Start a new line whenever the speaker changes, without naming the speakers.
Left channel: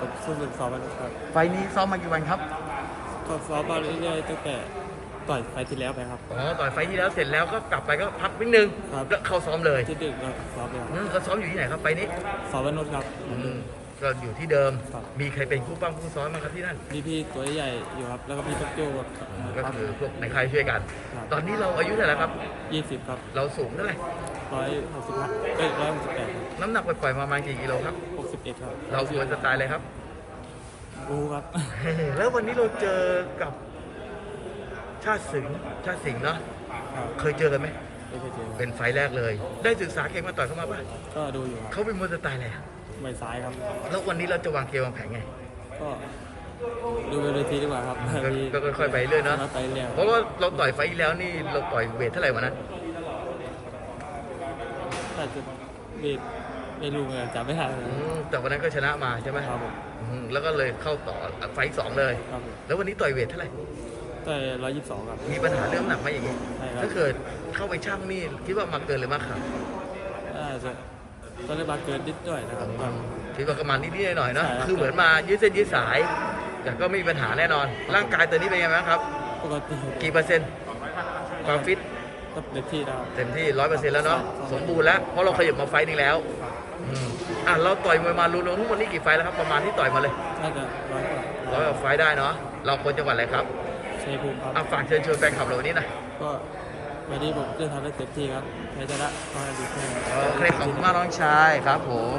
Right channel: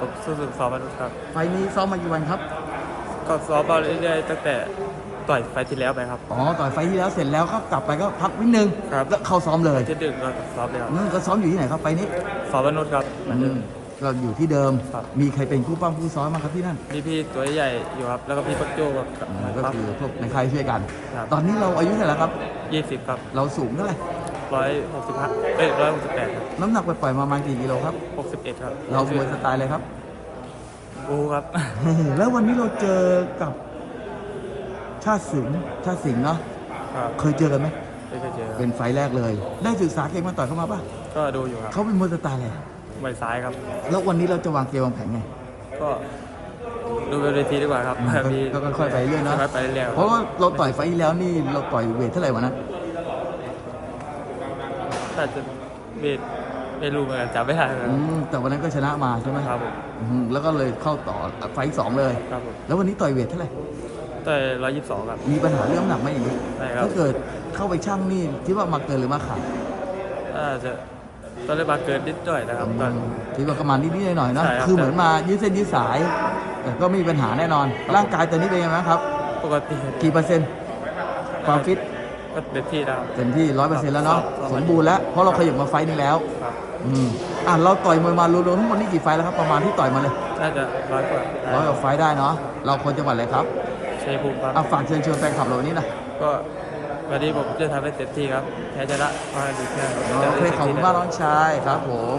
ผมสู้สุดซ้อมมาครับ
ไฟล์นี้ซ้อมมากี่วันครับ
ก็ซ้อมมาเรื่อยๆตั้งแต่ต่อยไฟล์ที่แล้วไปครับ
อ๋อ ต่อยไฟล์ที่แล้วเสร็จแล้วก็กลับไปก็พักนิดนึง
ครับ
แล้วเข้าซ้อมเลย
ที่ดึกก็ซ้อมเลยครับ
นั่นก็ซ้อมอยู่ที่ไหนครับไฟล์นี้
ซ้อมวันนุชครับเหมือนเดิม
ก็อยู่ที่เดิม
ครับ
มีใครเป็นผู้ปั้มผู้ซ้อมมางครับที่นั่น
มีพี่ตัวใหญ่อยู่ครับ แล้วก็พี่ปักโจ้กับ
ก็
ปั๊บ
คือพวกในค่ายช่วยกัน
ครับ
ตอนนี้เราอายุเท่าไหร่ครับ
ยี่สิบครับ
เราสูงเท่าไหร่
ร้อยหกสิบห้าเอ้ยร้อยหกสิบแปดครับ
น้ำหนักไปปล่อยๆมาประมาณกี่กิโลครับ
หกสิบเอ็ดครับ
เรามวยสไตล์เลยครับ
บูครับ
แล้ววันนี้เราเจอกับชาติสิงห์ชาติสิงห์เนาะ
ครับ
เคยเจอกันไหม
ไม่เคยเจอค
เป็
รับ
นไฟล์แรกเลย ได้ศึกษาเกมมาต่อยเข้ามาป่ะ
ก็ดูอยู่ครับ
เขาเป็นมวยสไตล์อะไรอะ
ใบซ้ายครับ
แล้ววันนี้เราจะวางเกมวางแผนไง
ก็ดูบนเวทีดีกว่าครับ
อืมก็
มี
ก็ค่อยๆไปเรื่อยเนอะ
ค่อยๆไปเรื่อยๆ
เพราะว่าเราต่อยไฟล์ที่แล้วนี่เราต่อยเวทเท่าไหร่วะนะ
แต่จะเวทไม่รู้เหมือนกันจำไม่ได้ค
อื
รับ
มแต่วันนั้นก็ชนะมาใช่ไหม
ครับผม
อืมแล้วก็เลยเข้าต่อไฟล์สองเลย
ครับผม
แล้ววันนี้ต่อยเวทเท่าไหร่
ต่อยร้อยยี่สิบสองครับ
มีปัญหาเรื่องน้ำหนักไหมอย่างนี้
ใช่ครับ
ถ้าเกิดเข้าไปช่างนี่คิดว่ามาเกินหรือมาขาด
น่าจะตอนแรกมาเกินนิดหน่อยนะครับตอน
คิดว่าประมาณนิดๆหน่อยๆเนอะ
ใช่ครับ
คือเหมือนมายืดเส้นยืดสาย แต่ก็ไม่มีปัญหาแน่นอน ร่างกายตอนนี้เป็นยังไงบ้างครับ
ปกติ
กี่เปอร์เซ็นต์ความฟิต
ก็เต็มที่แล้ว
เต็มที่ร้อยเปอร์เซ็นต์แล้วเนาะ
ครับ
สมบูรณ์แล้วเพราะเราขยับมาไฟต์นี้แล้ว
ครับ
อืมอะเราต่อยมวยมารวมๆทั้งหมดนี่กี่ไฟต์แล้วครับประมาณที่ต่อยมาเลย
น่าจะร้อยกว่า
ร้อยกว่าไฟต์ได้เนาะเราคนจังหวัดอะไรครับ
ชัยภูมิครับ
อะฝากเชิญชวนแฟนคลับเราวันนี้หนะ
ก็วันนี้ผมจะทำให้เต็มที่ครับแพ้ชนะก็ให้ดูแค่
โอเคขอบคุณมากน้องชายครับผม